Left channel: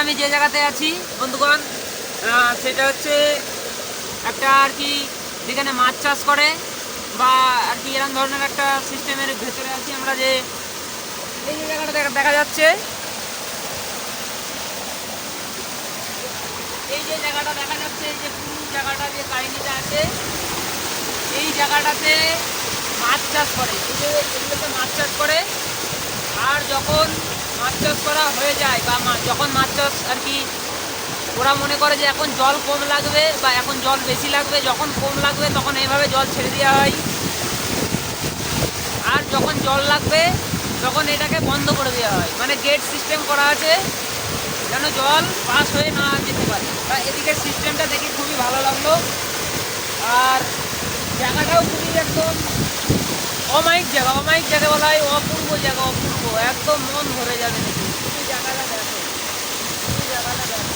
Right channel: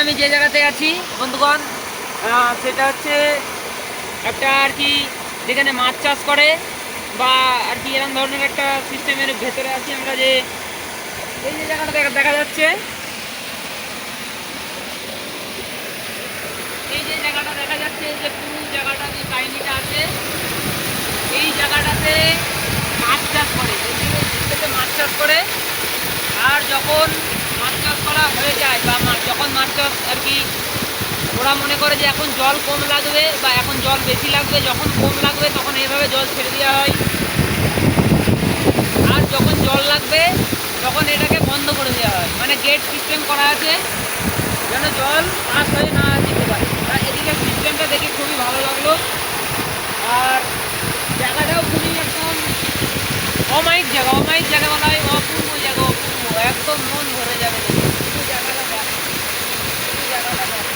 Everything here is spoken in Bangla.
আমি যে জায়গাতে আছি বন্ধুগণ, সেটা হচ্ছে একটা আর কি যেখানে মাছ চাষ করে বা আর কি এরকম ধরনের একটা সিস্টেমের ভেতরে আছি আমরা। যে এই যে জায়গাটা দেখা যাচ্ছে, এই যে জায়গাটা দেখা যাচ্ছে, এই যে পুরো জায়গাটা যে কাহিনিটা আছে, এই জায়গাটাতে মাছ চাষ করে। এই যে এগুলোতে মাছ চাষ করে। আর যখন মাছ চাষ করা হয়ে যায় বা যখন মাছ চাষ আর কি ওরা মনে করে যে এখন জল কম লাগবে বা এখন জল বেশি লাগবে, যখন কম লাগবে তখন এইভাবে জল ছেড়ে দেওয়া হয়। আর যখন জল লাগবে তখন এটাকে বন্ধ করে দেওয়া হয়, মানে গেট সিস্টেম করা আছে, মানে জল পাস হয়ে না যেতে পারে। এদিকে সিস্টেমটা দেখে খুবই ভালো লাগলো। আর জায়গাটাও খুবই একদম অমায়িক জায়গা বলা হয়, অপূর্ব জায়গা, অপূর্ব, একদম মন ভরে যাবে দেখে। শুধু জায়গাটা দেখো, শুধু জায়গাটা দেখো।